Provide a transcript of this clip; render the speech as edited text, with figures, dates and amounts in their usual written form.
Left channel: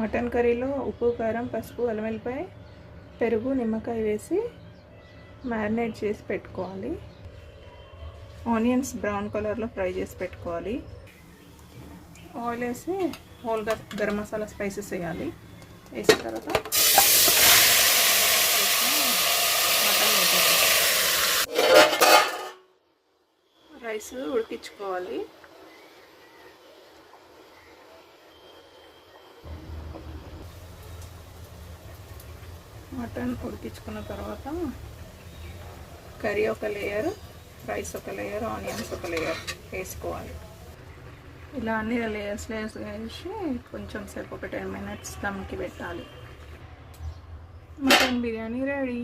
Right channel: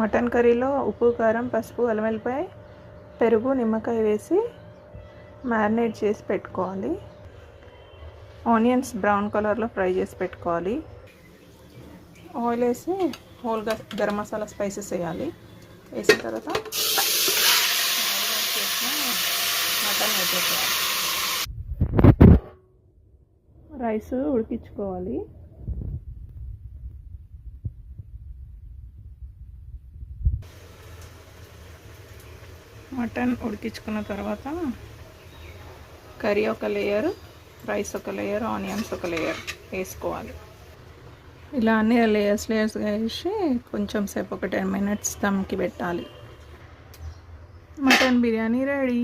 Mutton కర్రీలో ఉప్పు, కారం, పసుపు, అల్లం వెల్లిపాయ, పెరుగు, నిమ్మకాయ వేసి మ్యారినేట్ చేసి పెట్టుకోవాలి. ఆనియన్స్ బ్రౌన్ కలర్లో ఫ్రై చేసి పెట్టుకోవాలి. ఆయిల్ వేసి హోల్గా గరం మసాలా స్పైసెస్ వేయాలి. వేసిన తర్వాత మటన్ వేసేసుకోవాలి. రైస్ ఉడికించుకోవాలి. మటన్ ఉడికించుకున్న తర్వాత కర్రీ ఒక లేయర్, రైస్ ఒక లేయర్, ఆనియన్స్ ఒక లేయర్ వేసుకోవాలి. ఇలా అన్ని లేయర్స్ వేసి కొంచెం సేపు ఒక 10 minutes దమ్కి పెట్టాలి. Mutton biryani ready.